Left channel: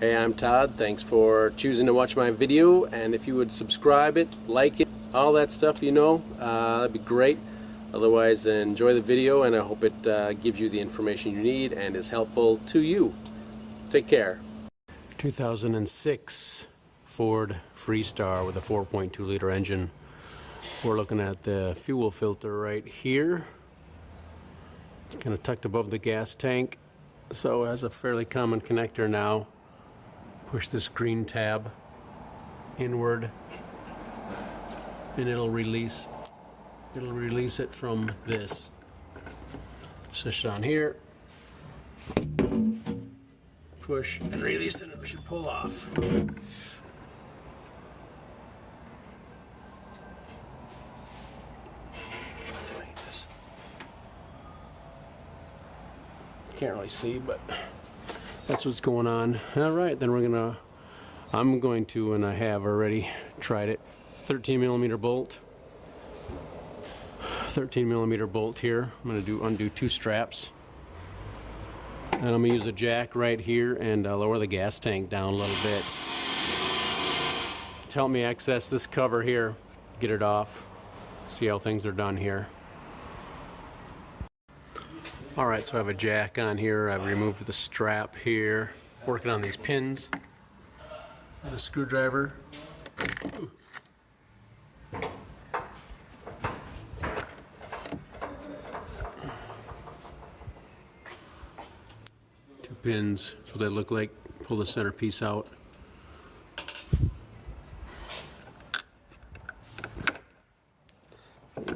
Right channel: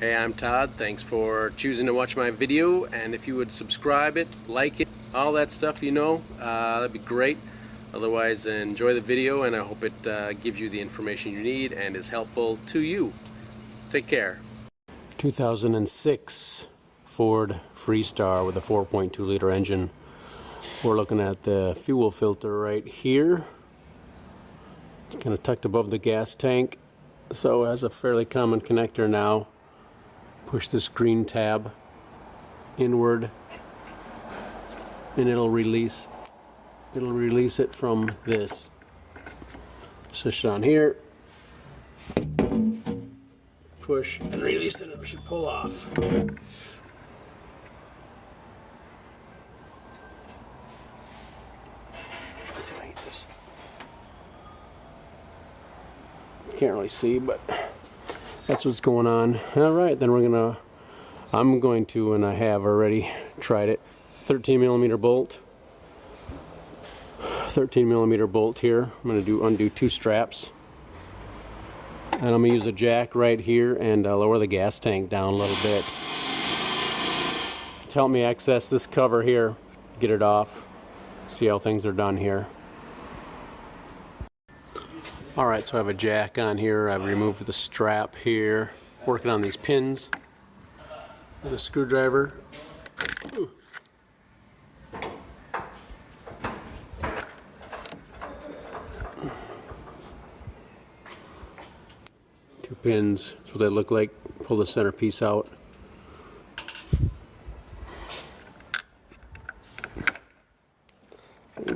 Hey, I'm Todd. Thanks for choosing to watch my video, and if you would subscribe it, like it, all that stuff, that'd be great. Otherwise, enjoy the video, and I hope it gives you the information you need and is helpful to you. Take care. 2006 Ford Freestar with a 4.2 liter engine. We're looking at the fuel filter right here. It's kind of tucked above the gas tank, so it has a fairly common connector now. Push this green tab inward and it'll release it from this. Switch it on here, push and release it. It should pull off. Can't really see, but that's what's going on. Alright, then I'm going to, and I have already tried it, 13mm bolt. 13mm bolt here. I'm going to undo two straps. And I'm going to use a jack right here and lower the gas tank down a little bit to help me access this cover here, get it off, see how things are done here. Alright, so I have a jack on here. I've removed the strap here, working on these pins with a screwdriver. Ooh. Two pins, that's what they look like. Pull the center piece out.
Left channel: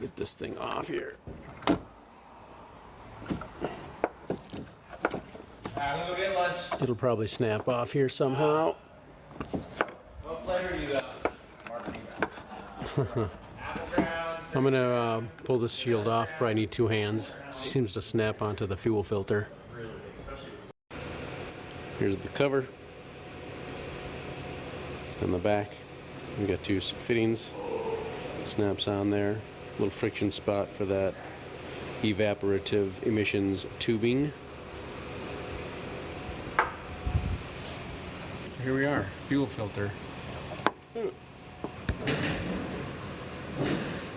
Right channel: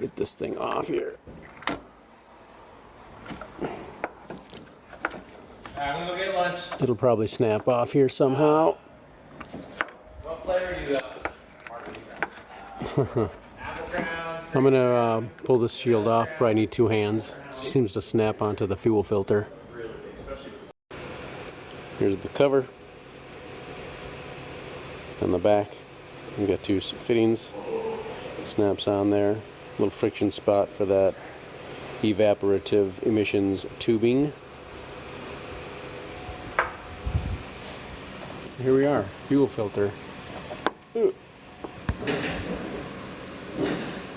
Get this thing off here. I'm gonna go get lunch. It'll probably snap off here somehow. What flavor you got? Margarita. Apple ground. I'm gonna pull this shield off. Probably need two hands. Seems to snap onto the fuel filter. Here's the cover. On the back, you got two fittings. Snaps on there. Little friction spot for that evaporative emissions tubing. So here we are, fuel filter.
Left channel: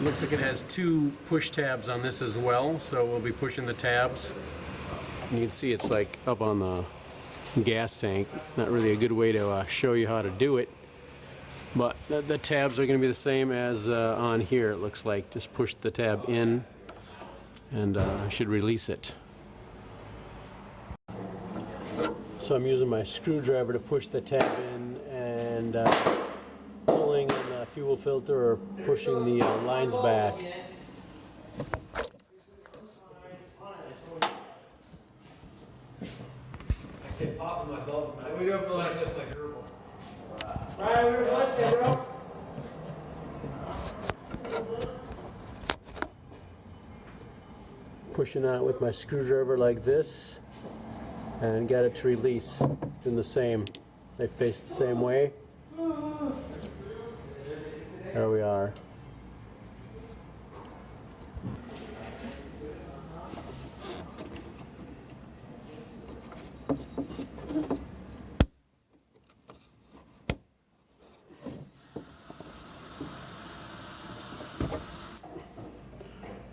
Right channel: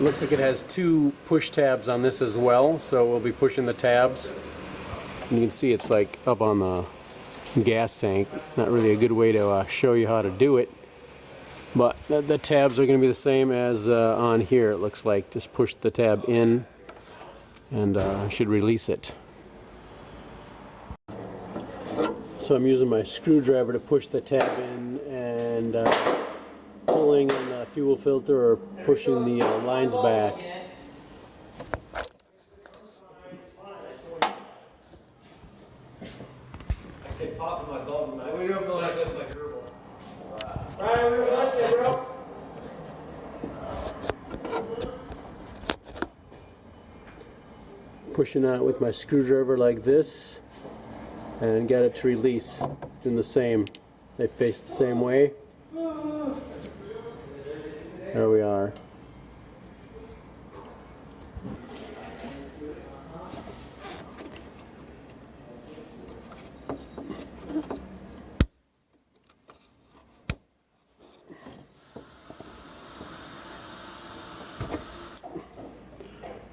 Looks like it has two push tabs on this as well, so we'll be pushing the tabs. And you can see it's like up on the gas tank. Not really a good way to show you how to do it, but the tabs are going to be the same as on here. It looks like just push the tab in and should release it. So I'm using my screwdriver to push the tab in and pulling on the fuel filter or pushing the lines back. What are we doing for lunch? Ryan, we're doing lunch there, bro. Pushing out with my screwdriver like this and get it to release. Doing the same. They face the same way. There we are.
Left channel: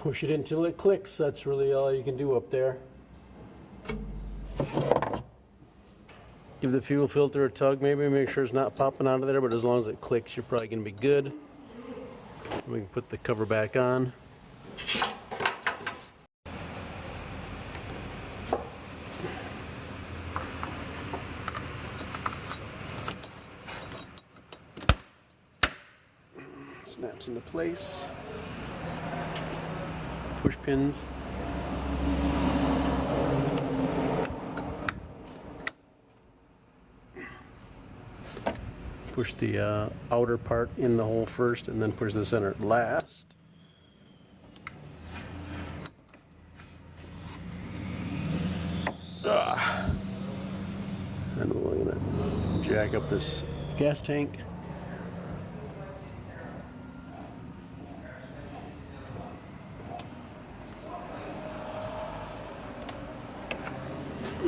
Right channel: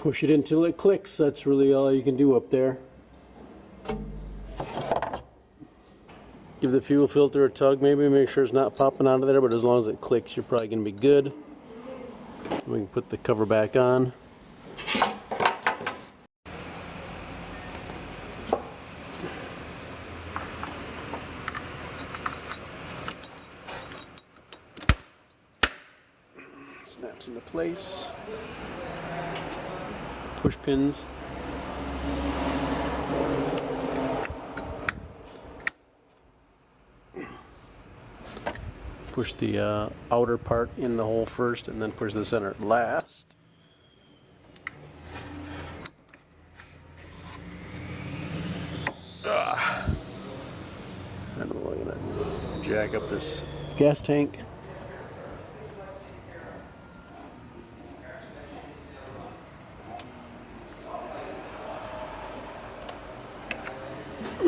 Push it until it clicks. That's really all you can do up there. Give the fuel filter a tug, maybe make sure it's not popping out of there, but as long as it clicks, you're probably going to be good. We can put the cover back on. Snaps into place. Push pins. Push the outer part in the hole first and then push the center last. And we're going to jack up this gas tank.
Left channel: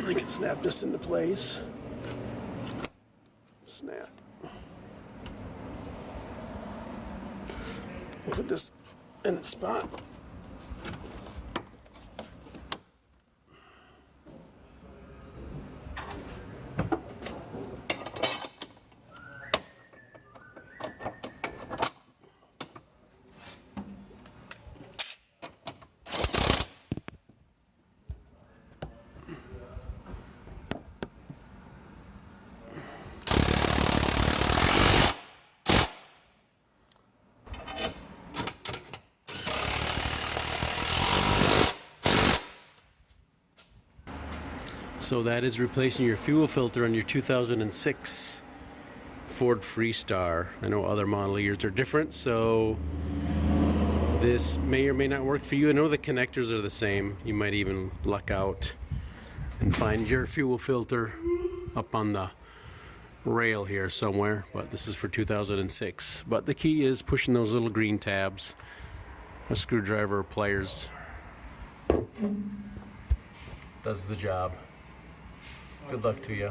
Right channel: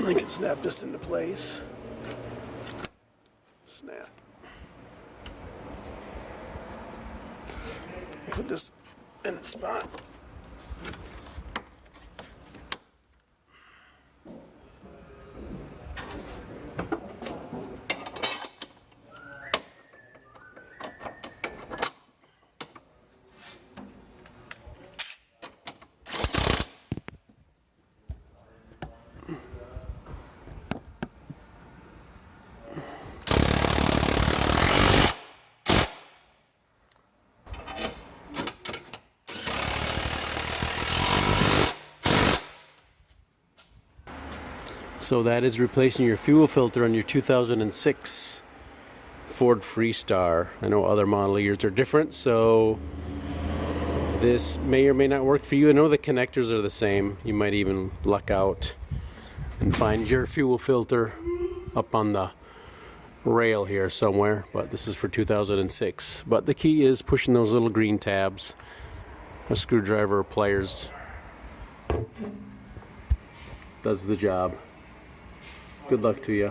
I can snap this into place. snap. Put this in the spot. So that is replacing your fuel filter on your 2006 Ford Freestar. I know other model years are different, so this may or may not work for you. I know the connectors are the same. You might even luck out and find your fuel filter up on the rail here somewhere, but this is for 2006. But the key is pushing those little green tabs. A screwdriver or pliers does the job. Good luck to you.